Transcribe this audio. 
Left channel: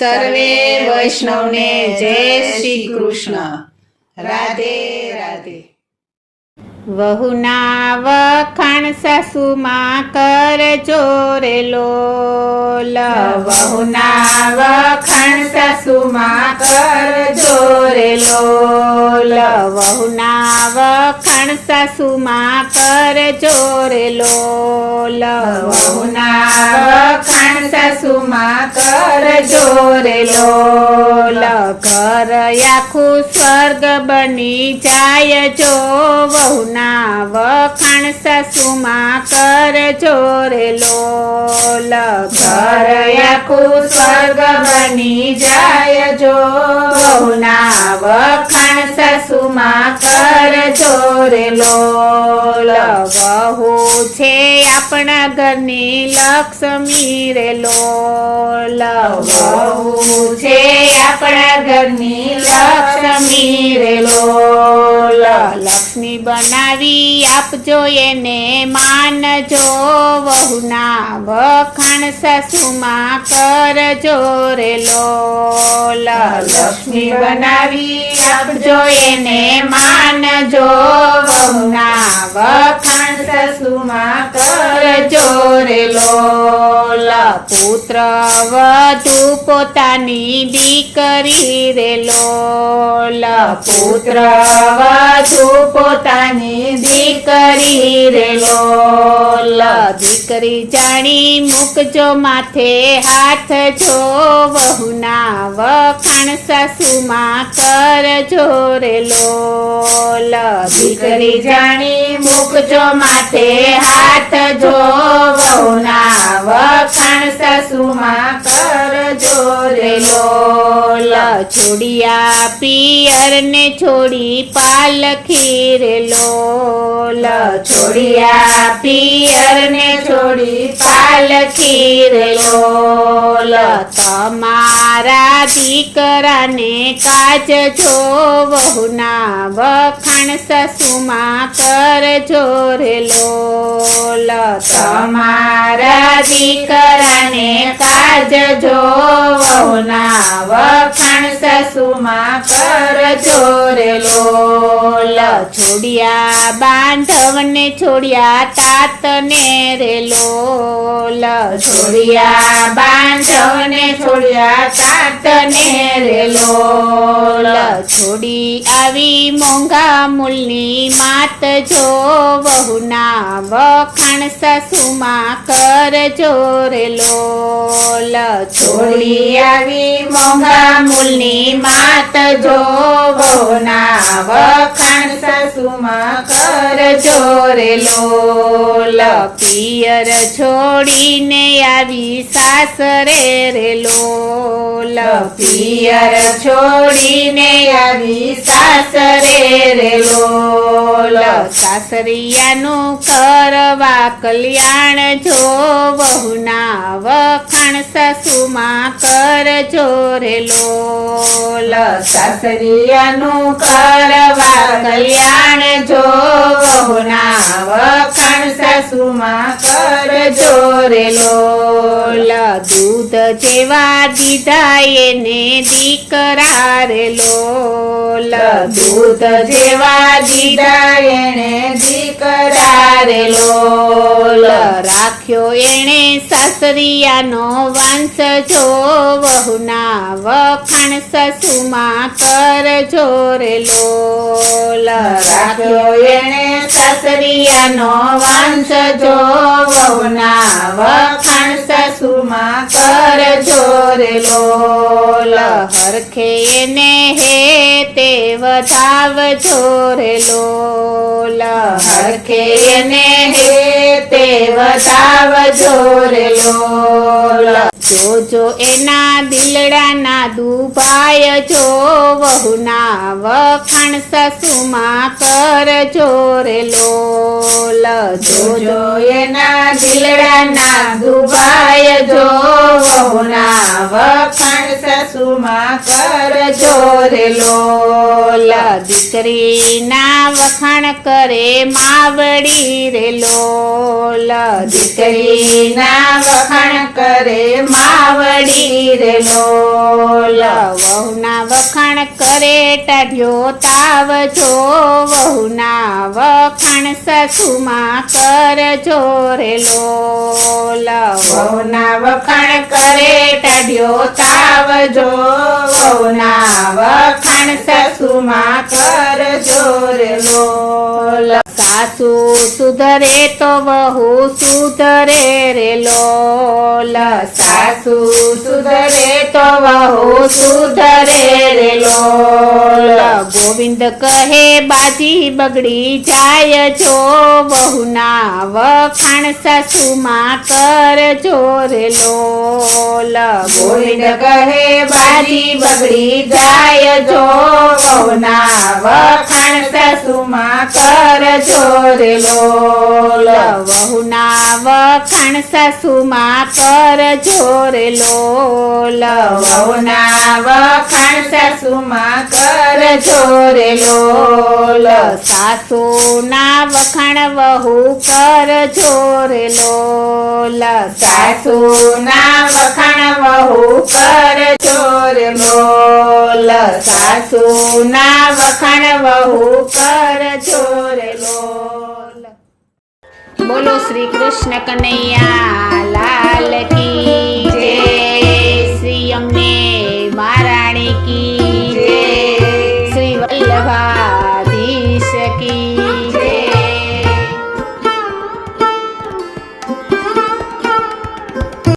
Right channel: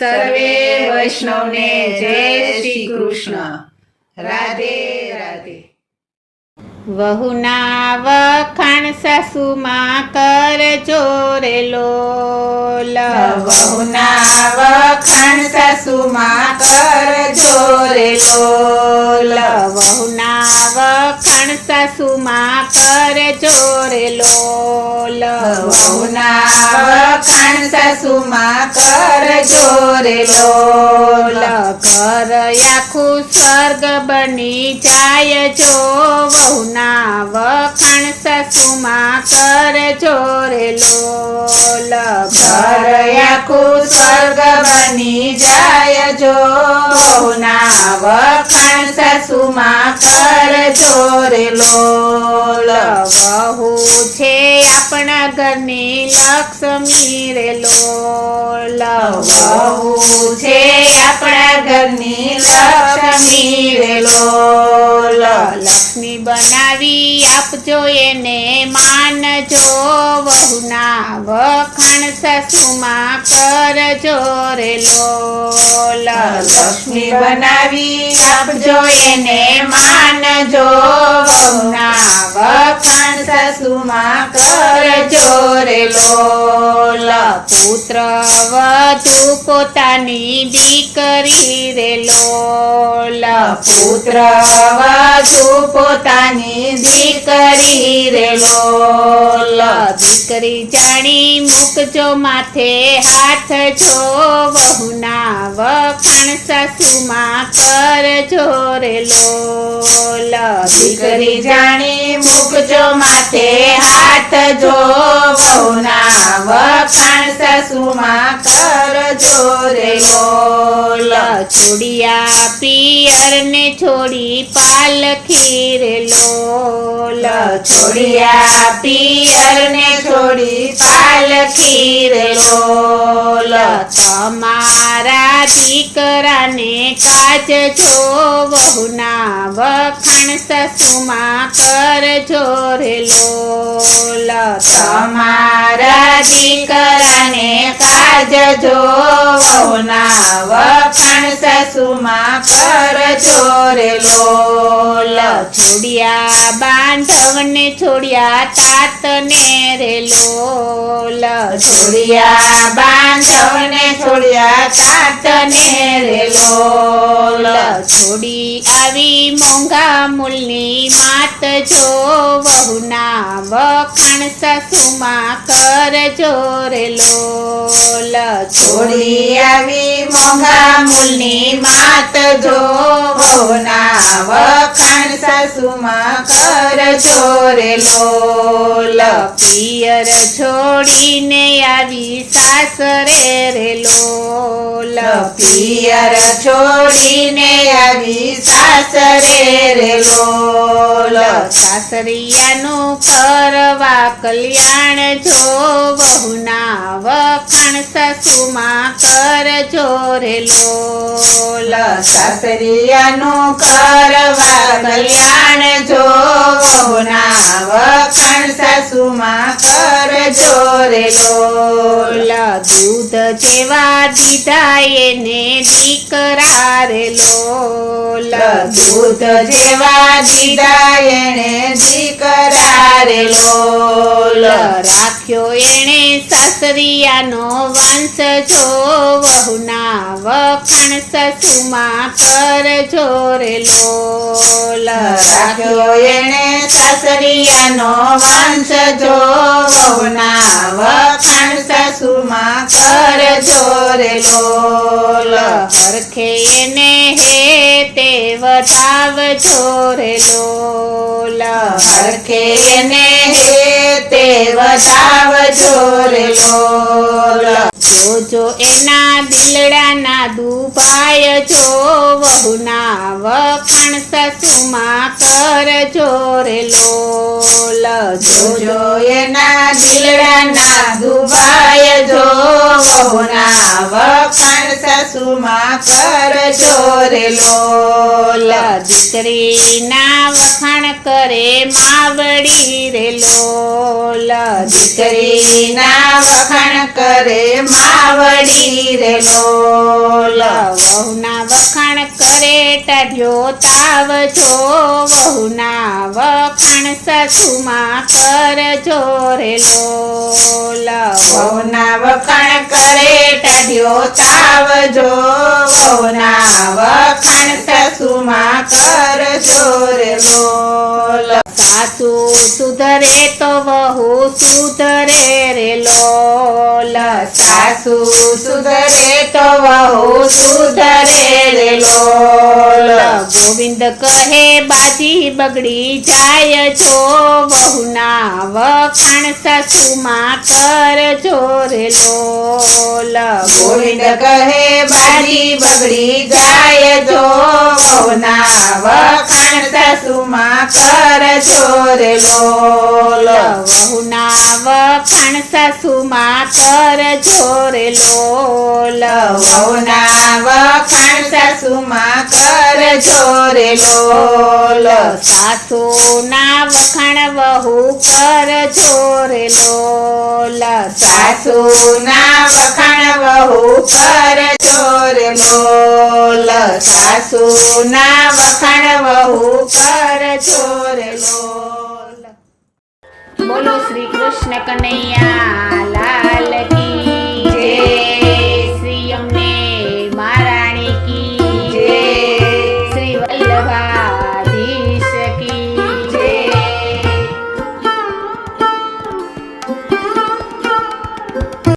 સર્વે વૈષ્ણવને જય શ્રી કૃષ્ણ. રાધે રાધે. વહુના વખાણ સાસુમાં કરજો રે લોલ. વહુના વખાણ સાસુમાં કરજો રે લોલ. વહુના વખાણ સાસુમાં કરજો રે લોલ. વહુના વખાણ સાસુમાં કરજો રે લોલ. ઘર આખું સ્વર્ગ બની જાય જો વહુના વખાણ સાસુમાં કરજો રે લોલ. ઘર આખું સ્વર્ગ બની જાય જો વહુના વખાણ સાસુમાં કરજો રે લોલ. વહુ છે આપણા ઘરની લક્ષ્મી રે લોલ. વહુ છે આપણા ઘરની લક્ષ્મી રે લોલ. લક્ષ્મી બનાવી આપજો એને માનજો વહુના વખાણ સાસુમાં કરજો રે લોલ. લક્ષ્મી બનાવી આપજો એને માનજો વહુના વખાણ સાસુમાં કરજો રે લોલ. પુત્ર વધુ પોતાની દીકરી રે લોલ. પુત્ર વધુ પોતાની દીકરી રે લોલ. દીકરી જાણી મૂકજો માથે હાથ જો વહુના વખાણ સાસુમાં કરજો રે લોલ. દીકરી જાણી મૂકજો માથે હાથ જો વહુના વખાણ સાસુમાં કરજો રે લોલ. છોડિયા પિયર ને છોડી પાલખી રે લોલ. છોડિયા પિયર ને છોડી પાલખી રે લોલ. તમારા દીકરાને કાજજો વહુના વખાણ સાસુમાં કરજો રે લોલ. તમારા દીકરાને કાજજો વહુના વખાણ સાસુમાં કરજો રે લોલ. છોડિયા બાંધવને છોડિયા તાતને રે લોલ. છોડિયા બાંધવને છોડિયા તાતને રે લોલ. છોડી આવી મોંઘા મૂલની માત જો વહુના વખાણ સાસુમાં કરજો રે લોલ. છોડી આવી મોંઘા મૂલની માત જો વહુના વખાણ સાસુમાં કરજો રે લોલ. પિયર છોડીને આવી સાસરે રે લોલ. પિયર છોડીને આવી સાસરે રે લોલ. સાસરિયાનું કરવા કલ્યાણ જો વહુના વખાણ સાસુમાં કરજો રે લોલ. સાસરિયાનું કરવા કલ્યાણ જો વહુના વખાણ સાસુમાં કરજો રે લોલ. દૂધ જેવા દીધા એને દીકરા રે લોલ. દૂધ જેવા દીધા એને દીકરા રે લોલ. રાખ્યો એને સાસરિયાનો વંશ જો વહુના વખાણ સાસુમાં કરજો રે લોલ. રાખ્યો એને સાસરિયાનો વંશ જો વહુના વખાણ સાસુમાં કરજો રે લોલ. હરખે એને હે તે વધાવજો રે લોલ. હરખે એને હે તે વધાવજો રે લોલ. જોજો એના દિલડાના દુભાય જો વહુના વખાણ સાસુમાં કરજો રે લોલ. જોજો એના દિલડાના દુભાય જો વહુના વખાણ સાસુમાં કરજો રે લોલ. દીકરીના વખાણ કરે માવડી રે લોલ. દીકરીના વખાણ કરે આવડી રે લોલ વહુના વખાણ કરે ટાઢ્યો તાવ જો વહુના વખાણ સાસુમાં કરજો રે લોલ વહુના વખાણ કરે ટાઢ્યો તાવ જો વહુના વખાણ સાસુમાં કરજો રે લોલ સાસુ સુધરે તો વહુ સુધરે રે લોલ સાસુ સુધરે તો વહુ સુધરે રે લોલ ગોવિંદ કહે બાજી બગડી જાય જો વહુના વખાણ સાસુમાં કરજો રે લોલ ગોવિંદ કહે બાજી બગડી જાય જો વહુના વખાણ સાસુમાં કરજો રે લોલ વહુના વખાણ સાસુમાં કરજો રે લોલ વહુના વખાણ સાસુમાં કરજો રે લોલ સાસુના વખાણ વહુ કરજો રે લોલ સાસુના વખાણ વહુ કરજો રે લોલ સાસુના વખાણ વહુ કરજો રે લોલ બોલો શ્રી કૃષ્ણ કનૈયા